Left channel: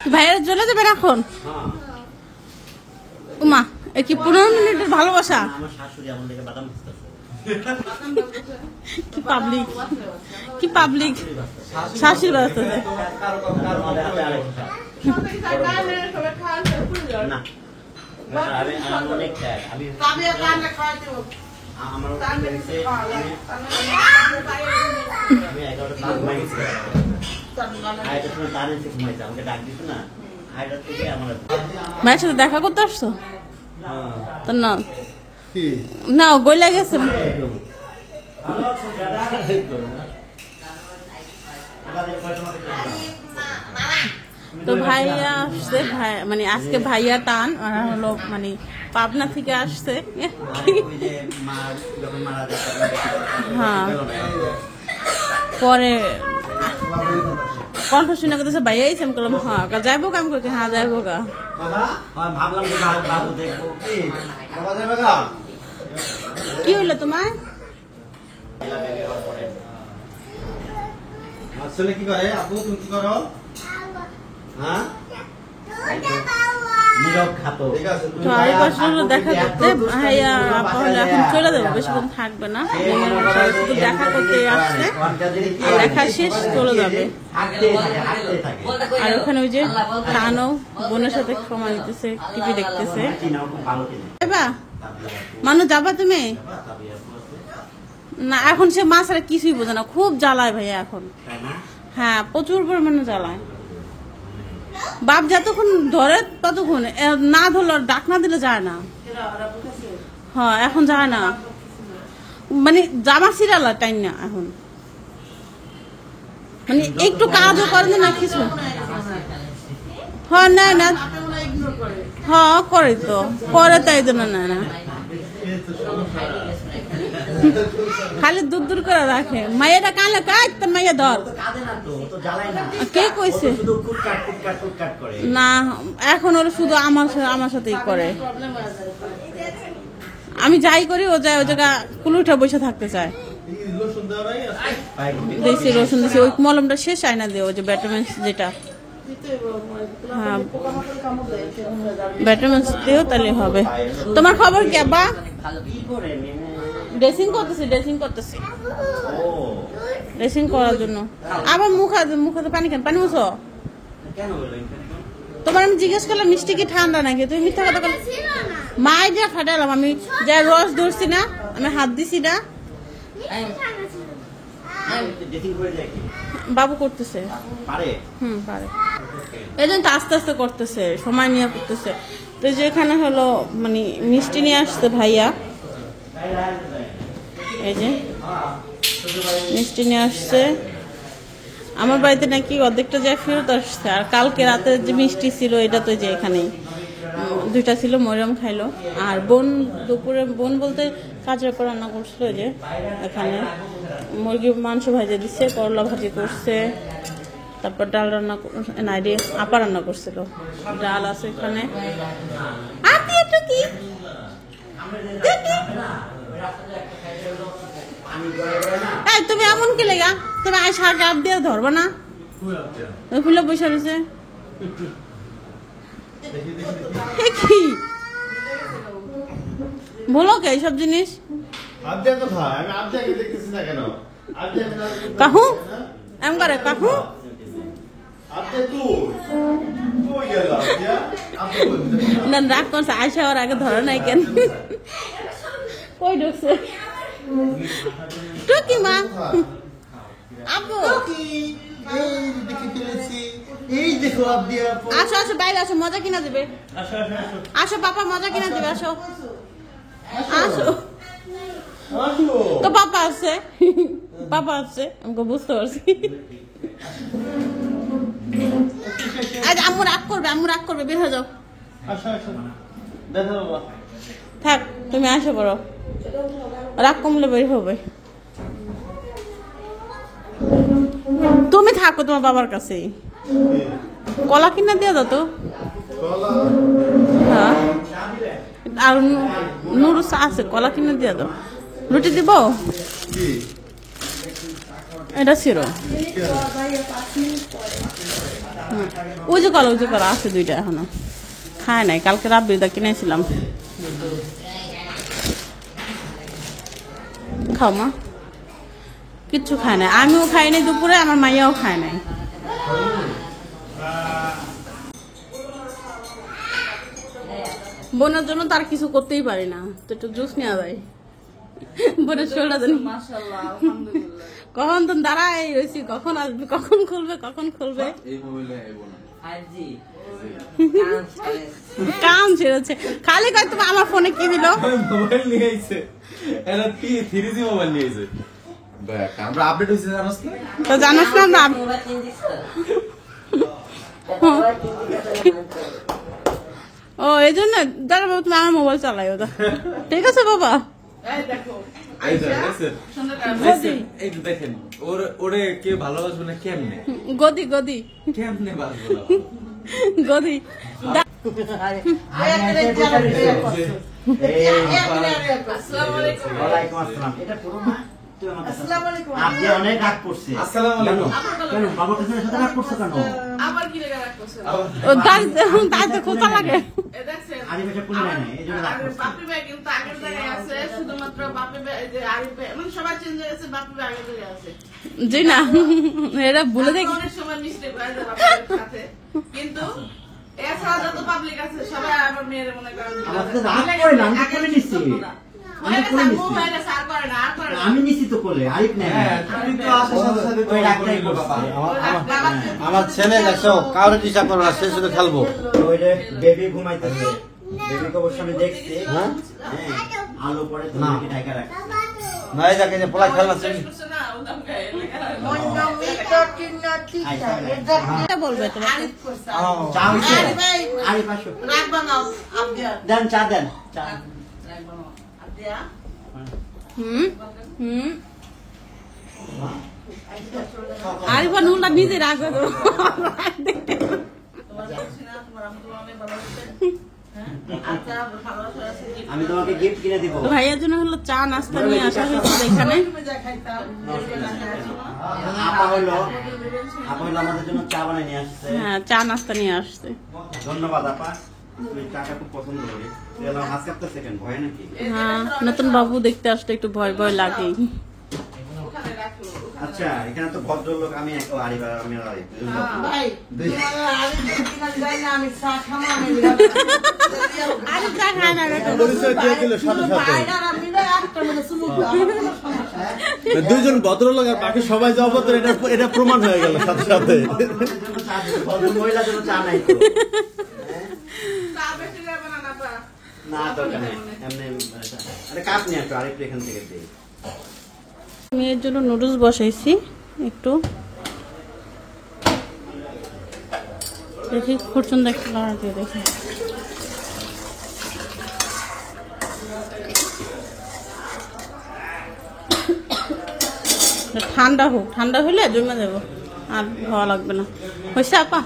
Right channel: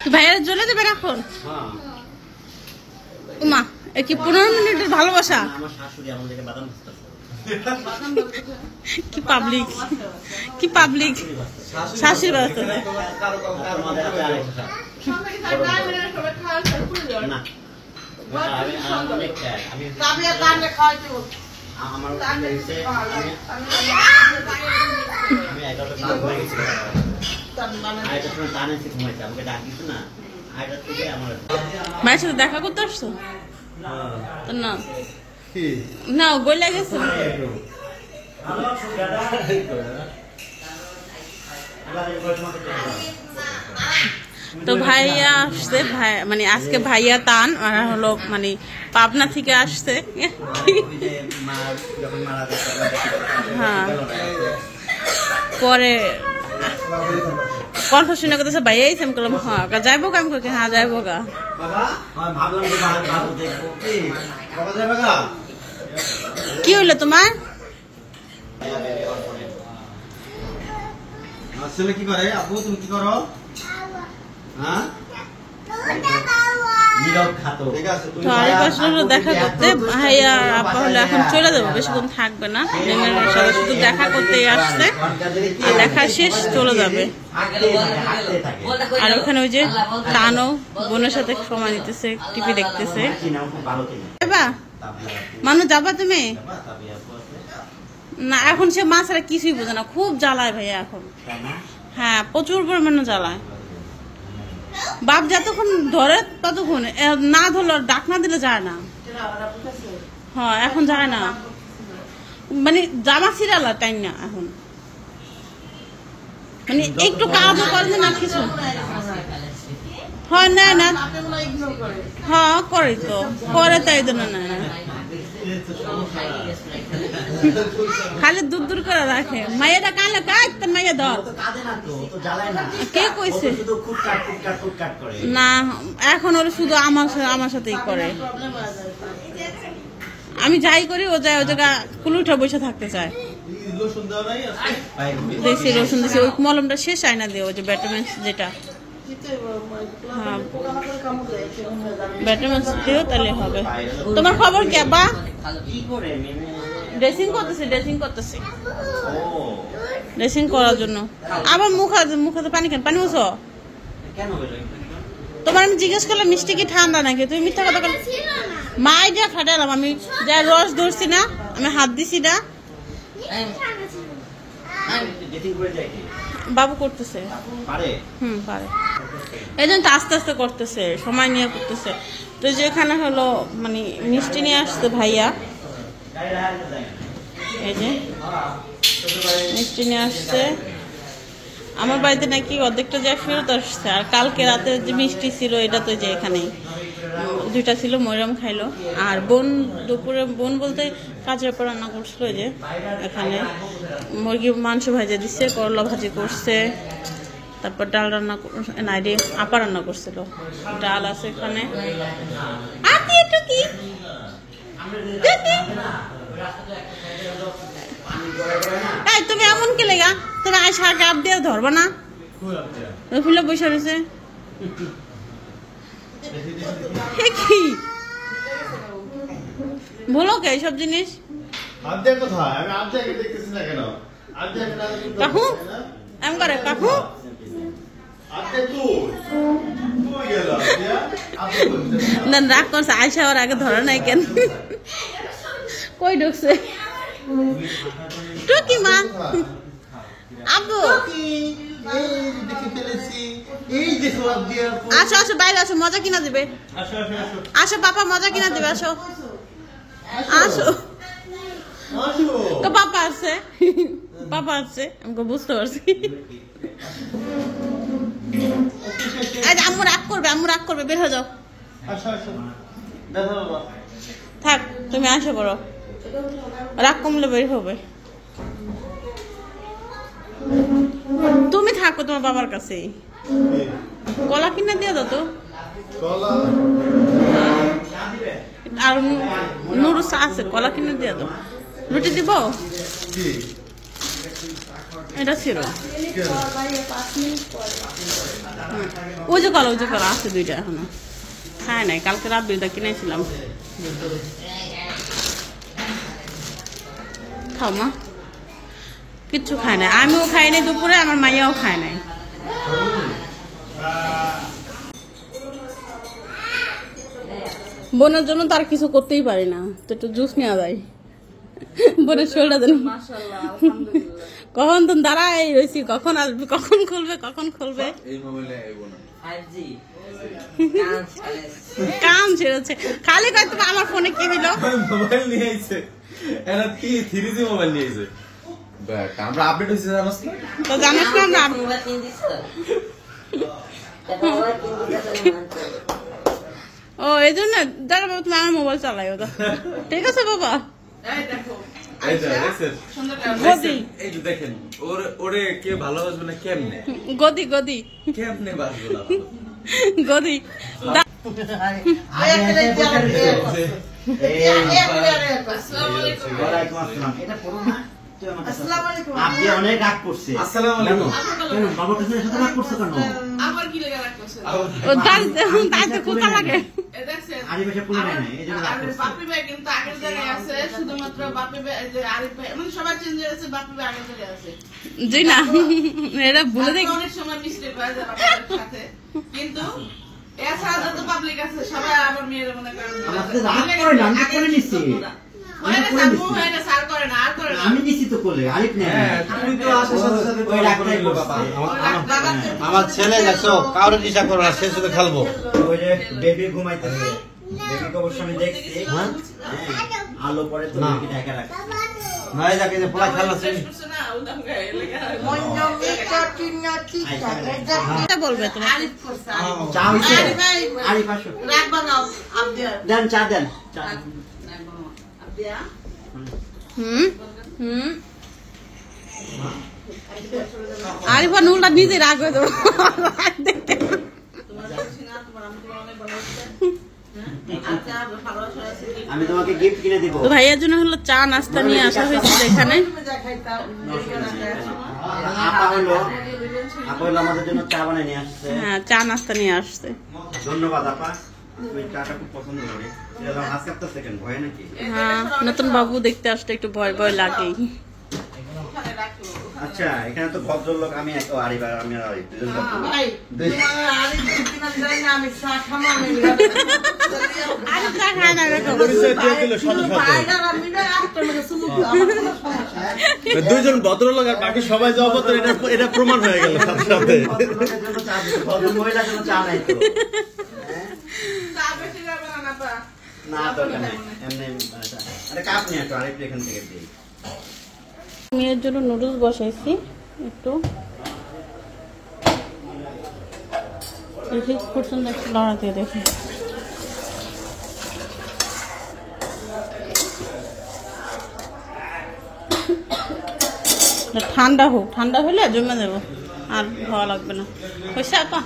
ভাইয়া চলে যাবেন এখন? উমা এ কি 15 মিনিটের ভালোবাসা? কি পাবলিক কি পাবলিক শাশুড়ি বাড়াতে মায়ের সাথে দেখা করতে আসছো? না গইলা গেছে। তো ভাইয়া আসছে, ভাই মানে আজকে ভাইয়া টান হলো মানে পাবনা থেকে আসছে। হ্যাঁ পরে কণ্ঠ শুনে করতেছে ভাইয়া আইসে, আমি করলাম হ্যাঁ যাইবো গা, আমি করছি হ্যাঁ যাইবো গা। কি হইলো তোমার? ছেলে কি করে? আপু তুমি কি করো? হ্যাঁ দেখা করতে ভাইয়া আপা হলে এখন চলে যাবো, বেশিক্ষণ থাকবে না, শুধু দেখা করতে আসছে, দেখা শেষ চলে যাবে। আর ওখানে ওই যে টানো বোনের সাথে সময় দিতেছে, টিভি দেখতেছে। মানু যাবা তুমি? না এখন সে মা ছাড়া কিছুই বোঝে না, খুব জ্বালায় ভাইয়া এখন। হ্যাঁ প্রচুর পরিমাণে জ্বালায়। বাপ যতক্ষণ ধরে ততক্ষণ, না ধরলে ডাক না দিলে যায় না। হ্যাঁ এখন যায় না, মানে জামা ছিড়ালা টাইম না এখন, মানে একটু কাজও করে না কিছু। হ্যাঁ না না হ্যাঁ করে তো করে, তাই জন্য না না খালি দূর দূর করে রাখে। মাইয়াটা কালে কাজ তো মাইয়া ধর কে কইছে না, এখন ওরা শুধু আমার সাথেই করে। আমি যাই করি ও যায়, ও জায়গা কুলুঠা বসে থাকতে চায়। দেখছি রসুন দিচ্ছে, ওই মলমটা শেষ আয়না দিয়ে, ওই যে ভিটামিন যেটা ভিটামিন দিও তাহলে হবে। তোমার খবর কি আব্বা? ড্রেসিং করতেছে ড্রেসিং করার জন্য। আবার মুখে পানি খান, পানি মুছো। তোমার আমি জিজ্ঞেস করলাম মিষ্টি কি ঠান্ডা নাকি, তুমি মিথ্যা কথা বল। মা আইডিয়া খাটালাম, আমি যা রস ধরছি না, আমি হাত দিছি না। বাবু করতেছে পারে এই জন্য আস্তে আস্তে করতেছে, সময় নিয়ে করতেছে। তো যেখানে হলো মানে মিষ্টি নিয়ে আসছে ভাইয়া, এই যে মিষ্টি নিয়ে আসছে আমার বাড়িতে, নাকি অর্ধেকটা যায় ফেরত আসছে। আর কালকে রাতে যে মিষ্টি ছিল এটাতে যে এখানে 2টা ছিল, মরিয়ম খাইলো। আর বোন দুপুরে, বোন বলতে কাজের পর রান্না করছিল, যে এখানে মুরগি মাংস ভাজা দিচ্ছে, করলা ভাজি করছে, তারপর ডাল রান্না নাইডে আপা রান্না করছিল, ডাল আছে এখানে। তুমি এমন কি লেগা, তুমি আইসা গাপ দিয়ে ধরবা না, ফুলে বসে রয়েছে কি বলো কে এইসব জিনিস? কাকু এম করে, কাকু না রাগ করছে, আয়সা ওর আগে ধরে নাই কেন, কই ঢুকছে টুকি মা আব্বু। আসো আসো বাইরে আসো, মজা কিনা দিবে, আসো পাপা মজা কিনা দিবে, আসো আসো। তো পাপা আসছে, পাপা আসছে, আমাকে বুঝতে পারছি। আম্মু রাগ করবে, বের হয়ে যাও। থাক তুমি আসো বড়, রাগ কমলে বের হবে। তুমি থাকো তোমার বাবার কাছে, কলা কিনে দিয়ে দাও তো। আর নুডলস আছে, কলা কিনে দিয়ে দাও। রুটি দিব, এটা ছিল ওই যে করো আছে দুইটা এখনো খায় নাই, কালকে রাত দুইটা কিনেছিলাম। খাও মা, কিচ্ছু খায় না, আমিও খাই নাই দুপুরে, আমার মাইয়াও খায় নাই। বোনের জন্য তার কিছু করতেই পারি না, তো একটু জুস নেওয়া যায়। বোনের শোলটা দেন, কখন তো দাঁড়াই রয়েছি, কখন আসবে, কখন খুলবে। কাম ছেড়েছে, খালি কয় তুমি আমার ফোনে কি দিল, মোবাইল নিয়ে আইছে, এরা কি 3G মোবাইল নিয়ে আইছে। দেখ আমরা আপডেট হইছে জানোস না, তো জানিস না। ও এই জন্য দেখো তুমি আমার মোবাইল চালাই, ওটা ঠিক আছে বাবা। এই যে এই যে দেখেন ওরে কে ভালোবাসবে না, কেমনে গদি কেমনে বাসবে না, গদি আপনি অনেক রাগ করছে। আসসালামু আলাইকুম। কেন বাবা টুসির সাথে রাগ করছে কেন? আবার কি লেগে রাগ করছে? ও দাঁড়াতে কোথা লাগে, এ দেখছেন? আরে বেশি পুলি নাই, এই জন্য রাগ করছে। বাপি ভাই কিন্তু আগের জায়গায় আছে, শুধুমাত্র বাপি ভাই, এই যে আরিফ ভাই, মানে সবাই চেঞ্জ হয়ে গেছে, বাপি ভাই আগের জায়গায় আছে। জি না, এটা ভুলে দেখি। অনেক সময় মিস্টেক হয়ে যায় বাপের সাথে, কিন্তু এছাড়া যত পাবলিক আছে সবাই আমার মেয়ের মনে করেন আমাকে রাগ করে না, আমি তো করে নিছি। আমি নিছি তো কোলে, আরিফ নেই। ওই রাগটাই করছে। আমার ছেলে দেখছো কাউরে দিশা করবে না, সে শুধু খেলবো। ওই যে বেবি ঘুমাইতেছে, বেবিকে অবশ্য আমি দেখছি। হ্যাঁ, আলো পরে তো বেবি ঢাকা রাখছে। নাই যাকে যে পোলা খেলনা শ্রেণী বলবে তোমার চা হইছে? আরিফ আসো, দেন চা দেন। চা আরিফা নুলটা নিজে রাগ হয়ে যাবো। আমি তোমাকে গিফট কিনে দিব। তো ভাইয়ার জন্য হলো চা নাস্তা নিয়ে আসা হয়েছে এখানে। আপা হলো আমাদের জন্য চা বানিয়ে নিয়ে আসছে। হ্যাঁ, চা নাস্তা নিয়ে আসছে। ধন্যবাদ আপা, আমি চাটা খুব পছন্দ করি। এটা হাত কাঁপতেছে কেন, ভয় নাকি? হ্যাঁ, নতুন বাবু দেখতে আসলে একটু ভয় লাগেই। আচ্ছা, এখানে তো ভদ্রলোক, আমি এক আরিফ আর আমি আরিফ। দুজন ভদ্রলোক আর বাকি সবাই যাওয়া পর এটা প্রমাণ হয়ে গেল সাথে সাথে। মহিলার জন্য চা নাই তো? না দরকার নেই, এমনি আরে কাপ নিয়ে আসো, আরিফ এখান থেকে দিই। মেয়ের জন্য নুডলস বসাইছি একটু, দেখি খুচুন একটু লড়া দিয়ে দেখি। ঠান্ডা হোক, ঠান্ডা হলে জমে দেবো, আর ভালো লাগবে না। হয়েছে আপা?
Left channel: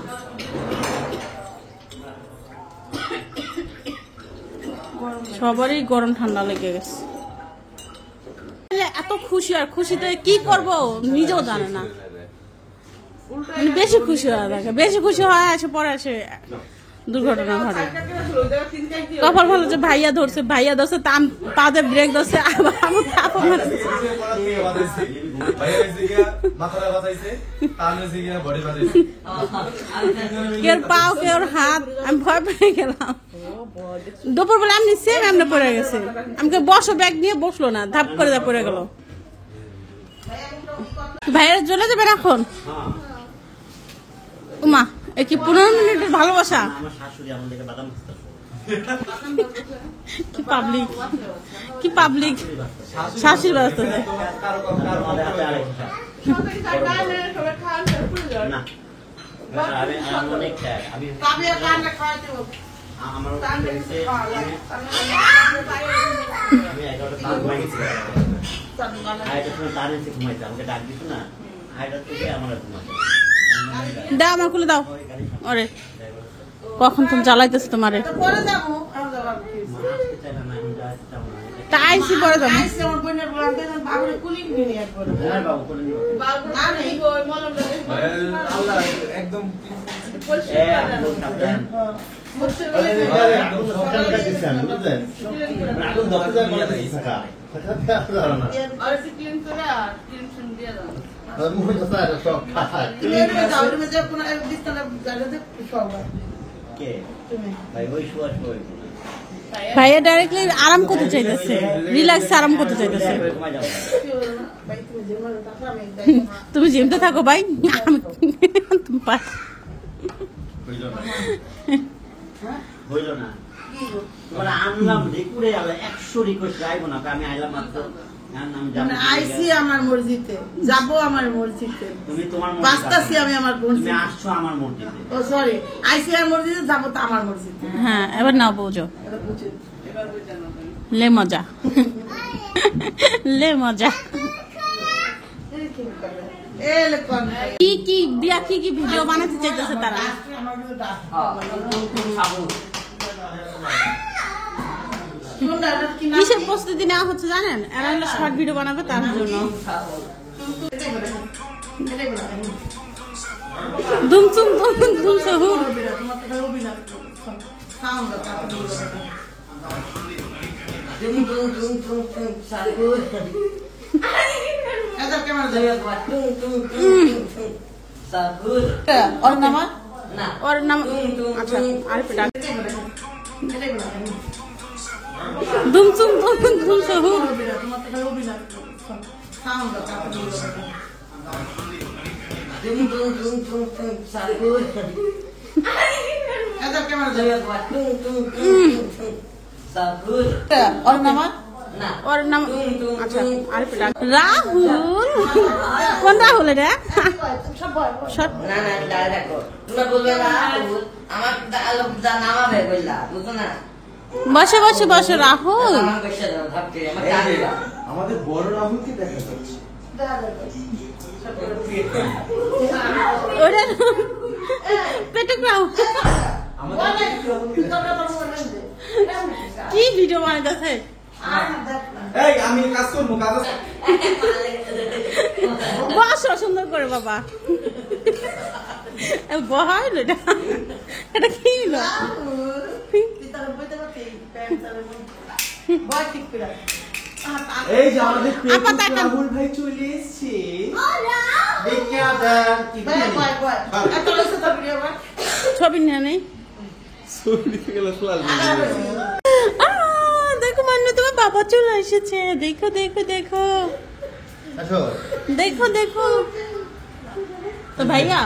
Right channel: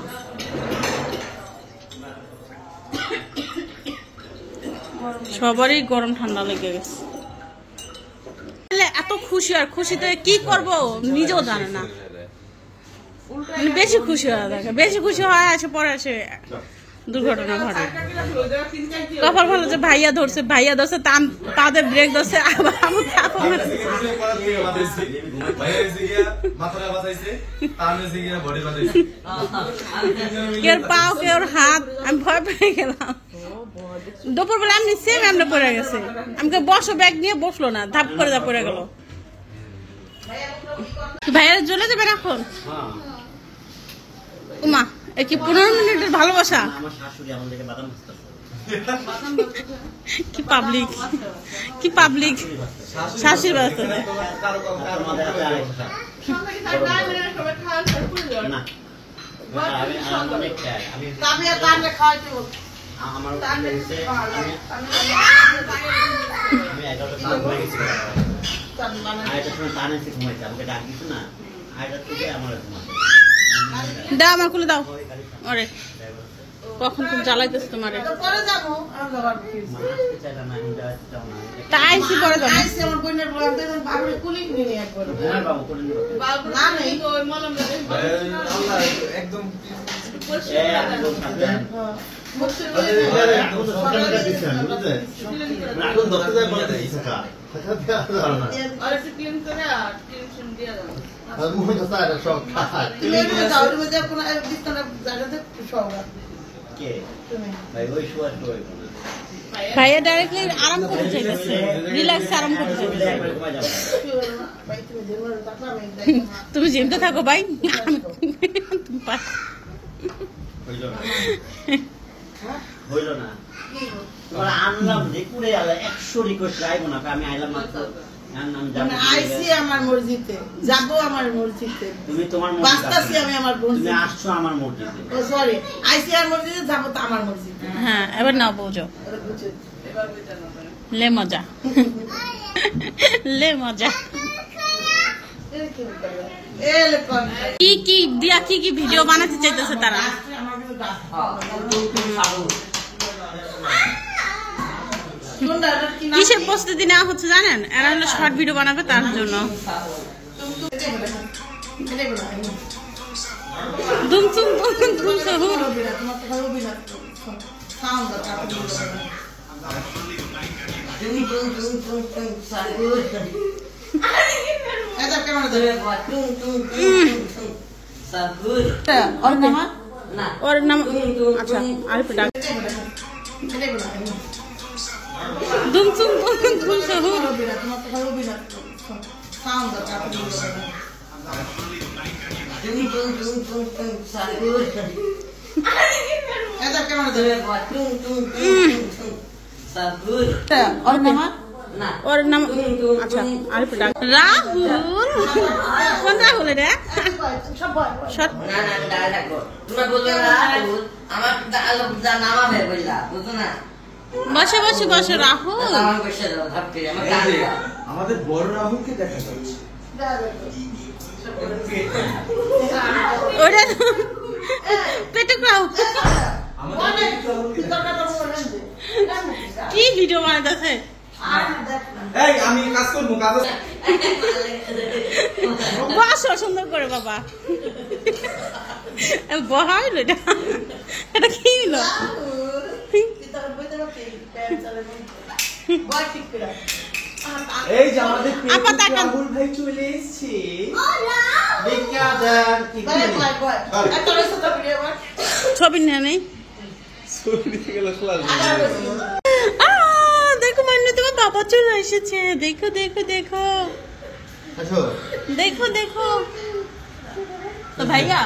সবারই গরম ঠান্ডা লেগে গেছে। এত খুশি, আর খুশিতে কি করব নিজেও জানে না, মানে বেশি খুশি হওয়া থাকে, বেশি খুশি হয় আসে পরে আসে দুর্ঘটনা ঘটে। কপাল ভালো যে ভাইয়া ধরছে তাদের ব্রেক ধরছে, আবার আমার কেউ পাও কেউ হাত, আমি ভয় পেয়ে গেলাম। দুপুর বেলা এমনি সেম এমনি পড়ে গেছে, আমাকে বসো, ব্যাগ নিয়ে বসলো না, ধাপ করে পড়ে গেল। ভাইয়া চলে যাবেন এখন? উমা, এ কি 15 মিনিটের ভালোবাসা? আমার শাশুড়ি আমাদেরকে বাদাম ভাজতেছে। কি পাবলিক শাশুড়ি বাজতেছে। না, আমি অনেক খাই, আমি আমার আমি 11টা ঘুমাই গেছি, আর এটা পুরো তার এসে ঘুমাইছে, আমাকে ডাক দিত না, আইটার থেকে আমার ঘুমাই দাও, আমার খুলে দাও। ওরে কখন তুমি জ্বালাইতেছো তোমারে, তাই সে পরে যাবো। একদম ভাইয়া ডাইরেক্টলি আরাম করতে চাইতেছে, রিল্যাক্স আরাম করতে চাইতেছে। তুমি জিমতে থাকো ভাই, হইল না আনলাম রেকুড়ে 100 রিকোয়েস্ট আইবো না, আমি আইলাম মাত্র আইসি আমার মসজিদে, যাবো আমার মসজিদে, তুমি তোমার বাস্তাছি আমি আমার তুমি মসজিদে, আসছো আমার মসজিদে। ও সরি আইসি আর মসজিদে, যাবো তো আমার মসজিদে। হ্যাঁ এবার নাও বুঝো, লে মজা, লে মজা। কি কি দিয়া কি কি ভিডিও বানাতে চাইতেছে তারা? কিসের প্রস্তুতি নেওয়া হচ্ছে জানেন? এরা হলো শর্ট ভিডিও বানাবে তার জন্য। দুমচুম দুম সহুর। ওর নাম আচ্ছা আরেকটা ডাক দুমচুম দুম সহুর। ওর নাম আচ্ছা আরেকটা ডাক রাহুল। কোন রাহুল এটা? বসে বসে বসে রাহুল। আমাদের বড় রাহুলকে দেখা যাচ্ছে। ওটা পেটে রাহুল কি ভিডিও বানাইতেছে? এই আমি কাজ করবো, কাজ বসো সুন্দর করে বাবা। বহা হইলো এটা, এটা কি হইলো? এই যে আমাদের আপা তাকান। রাহুল ভাই চলে এসেছে। ছবি নেই নেই। দেখো মানে তোমার বাবা চলে এসেছে। দেখো দেখো দেখো দেখো দেখো তো ভাইয়া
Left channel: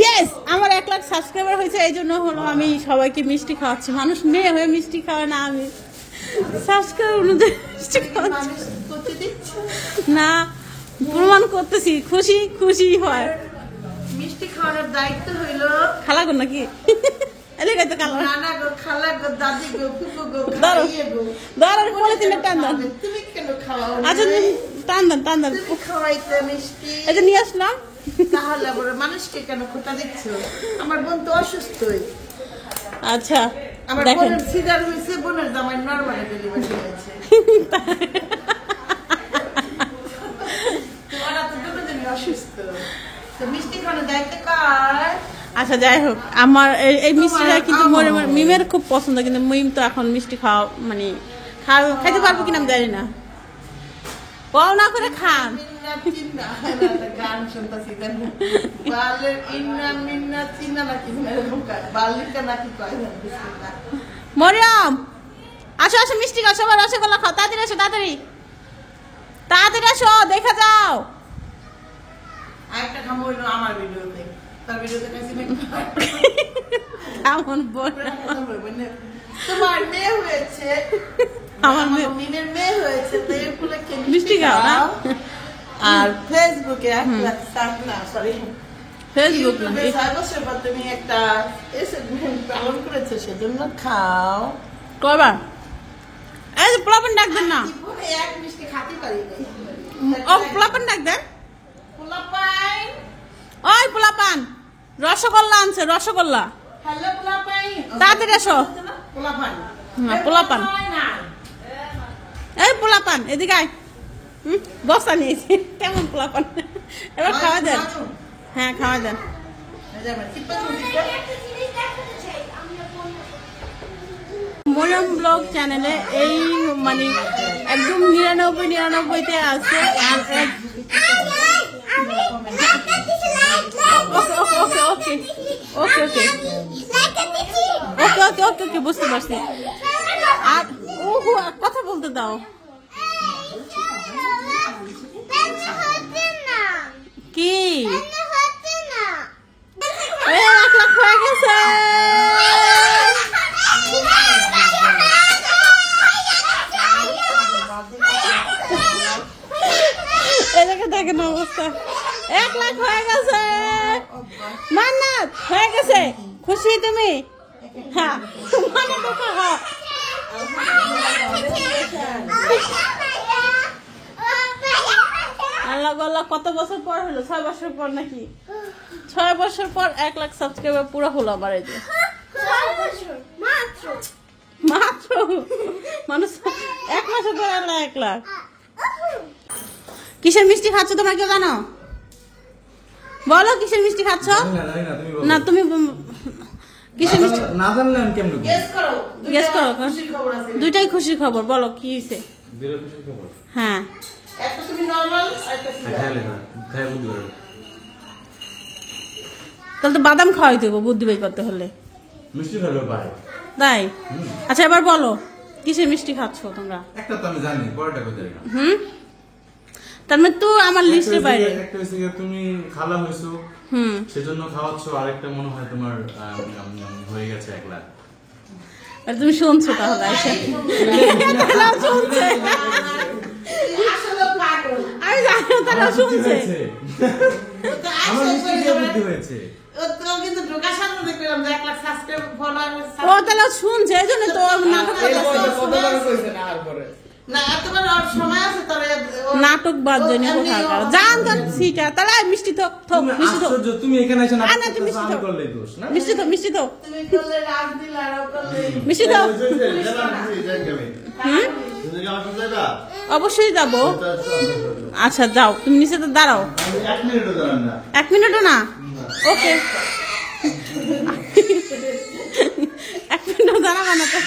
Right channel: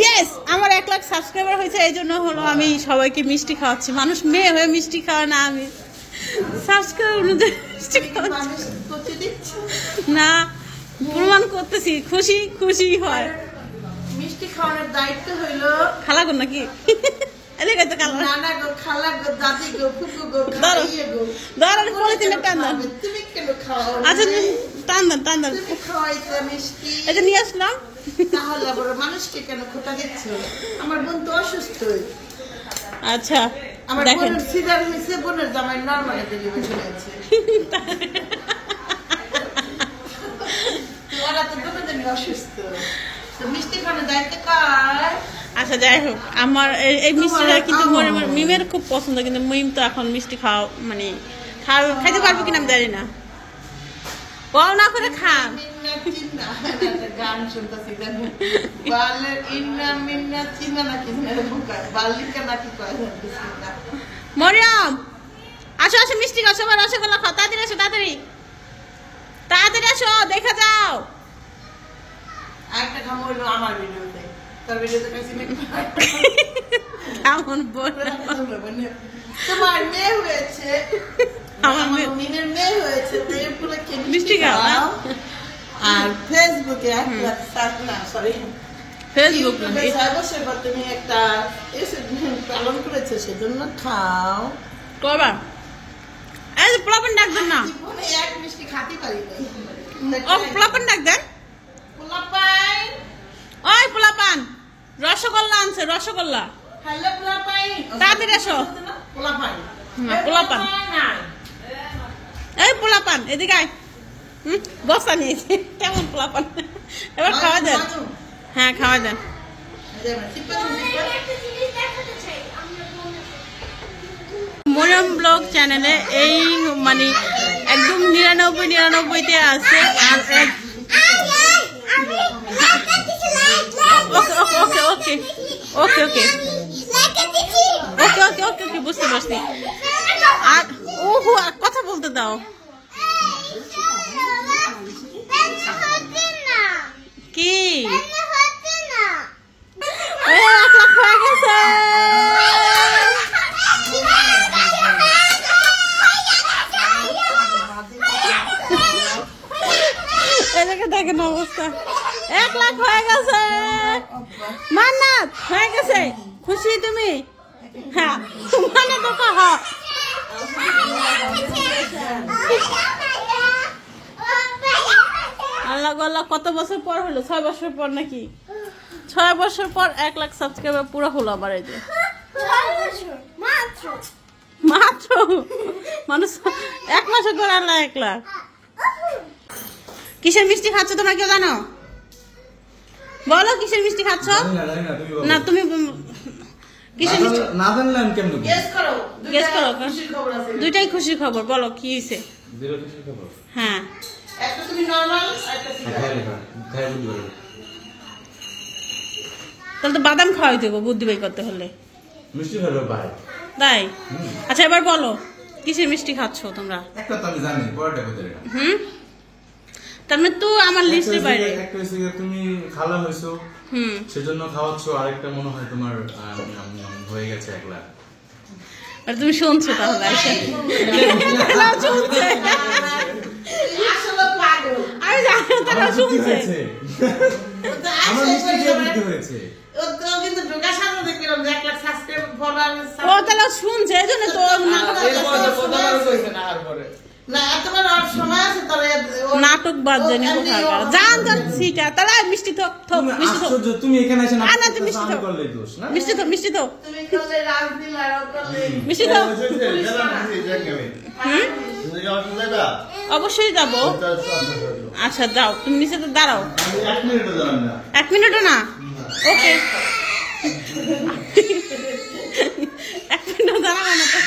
ইয়েস আমার 1 লাখ সাবস্ক্রাইবার হয়েছে, এই জন্য হলো আমি সবাইকে মিষ্টি খাওয়াচ্ছি। মানুষ মেয়ে হয়ে মিষ্টি খাওয়া না, আমি সাবস্ক্রাইবার অনুযায়ী মিষ্টি খাওয়াচ্ছি না, প্রমাণ করতেছি। খুশি খুশি হয়। মিষ্টি খাওয়ানোর দায়িত্ব হইলো খালাগো নাকি? এদিকে তো কালো নানা গো, খালা গো, দাদি গো, ফুফু গো, ধরো খাইয়ে গো। ধরো পলিথিনে টান দেন। তুমি কেন খাওয়াও? আচ্ছা টান দেন টান দেন। তুমি খাওয়াইতে মিষ্টি, এই যে নিয়ে আসলাম। তাহলে আবার মানুষকে কেন খোটা দিচ্ছ? আমার বোন তো অসুস্থই। আচ্ছা আমার দেখেন বোনের সিজার হয়েছে, বোনের জামাই নর্মালি ডেলিভারি হয়েছে। তো ওরা তো দুজনে অসুস্থ, তো মিষ্টি খাওয়ানোর দায়িত্ব কার? আচ্ছা যাই হোক, আমার এই মিষ্টিটা কিন্তু মিমের খুব পছন্দ, কিন্তু মিম তো এখন মিষ্টি খাওয়া মানে খাইতে পারবো কিনা আমি জানি না। ও না করে খান। গান শুনতেছি বালের ইন্না মিন্না চিন্না নাকি বালিকা নাকি কয় মরিয়ম আসো আসো মিষ্টি খাও, সবাই রসগোল্লা খাও, তাড়াতাড়ি আসো তাড়াতাড়ি তাড়াতাড়ি আসো, দেখা যাও। আরেকটা খামো হইলো আমার ভিডিওতে, তার ভিডিওতে কাছে এমন বল তোমার মেয়ে হয়েছে, আমার মিমের মেয়ে হয়েছে, তো এর উপলক্ষে মিষ্টি খাও। আর ফেসবুকে 1 লাখ না সরি ফেসবুক না 6 বছর পর তুমি একটা পালন করেছো, সেজন্য খাও। কবা এই প্লাবন ডাক দেন না, জীবনে এক মিষ্টি খাতে পারি ও প্লাবন ডাক দেন। পোলাপাই, ওই পোলাপান রসগোল্লা আনছে, রসগোল্লা হ্যালো পোলাপাই, তাড়াতাড়ি এসো। পোলাপাই না পোলাপান এই পোলাপান এদিকে আয়। বসা নিয়েছি কেমন পোলাপান, এবার খাওয়া দেন। হ্যাঁ খাওয়া দেন। মরিয়ম ব্লগ চ্যানেলে এই মানে একদম 99-99-তে আছে। আর ওকে ওকে ওকে ওকে ওকে ওকে ওকে ওকে ওকে বুঝতে পারছি। আর ওহো কথা বলতে দাও। কি 1 লাখ হয়ে গেছে। এদিকে দেখেন অবস্থা, 1 লাখ হয়ে গেছে। মান্নাত হয়ে গেছে, খুশি তুমি? হ্যাঁ মানে তো কহ। আল্লাহ আল্লাহ, কত বছর পর হলো? 6 বছর পর নাকি? 6 বছর পর 1 লাখ সাবস্ক্রাইবার পুরো হলো আমার। এই যে মাত্র মানুষ 1 মাসে ধরে আল্লাহ 1 লাখ। কিসের মিষ্টি খাচ্ছ তোমরা কেউ জানো? বলো কিসের মিষ্টি খাচ্ছ? না তুমি কিসের মিষ্টি না জানলে আমি কেমন গেস করো? দুইটাই খুশির খবর, বলো কি হয়েছে? হ্যাঁ একটা তুমি নরমাল, একটা তাহলে তো বাদাম খাওয়াই দেবো বুদ্ধি বাই করতে হলে। মিষ্টি ভালো পারে তাই? আচ্ছা এবার বলো কিসের মিষ্টি খাচ্ছ তোমরা? একটা তো আমি জানি, পরেরটা কোথায়? তার মানে তো আমার লিস্টের বাইরে। একটা হইছে যে তুমি খালা হইছো, সেজন্য খাওয়াচ্ছ। আরেকটা মনে হয় তোমার হয়ে গেছে 1 লাখ। আর তুমি শুনছো তাহলে? শুনছে আসলে পাগল। আমি জানি তারা শুনছে। আমার মিষ্টি দিয়ে বুদ্ধি হয়েছে। ও কিন্তু ঢোকার সামনে দেখলাম যে 1 লাখ সাবস্ক্রাইব ফলোয়ার। ও তাহলে শুনছে, এই জন্য তো নাটক না তোমার আর সময় আছে তবে নাটক বাদ জানি কোথায় জান জান সিটা। তাহলে মিষ্টি তো মিষ্টি তো আশ্চর্য, তুমি এখানে এসে না নাটক তুমি করতেছো, মিষ্টি আমি তো করলেই দোষ না? মিষ্টি তো মিষ্টি তো তুমি করলে রাজদিন আর করলে মিষ্টি তো অবশ্যই যাবো। আচ্ছা যাও, তুমি মিষ্টিতে দাঁড়াও। 1 মিনিটও দাঁড়ান না। 1 মিনিটও না? ওকে 1 মিনিটও দাঁড়াবো না তো।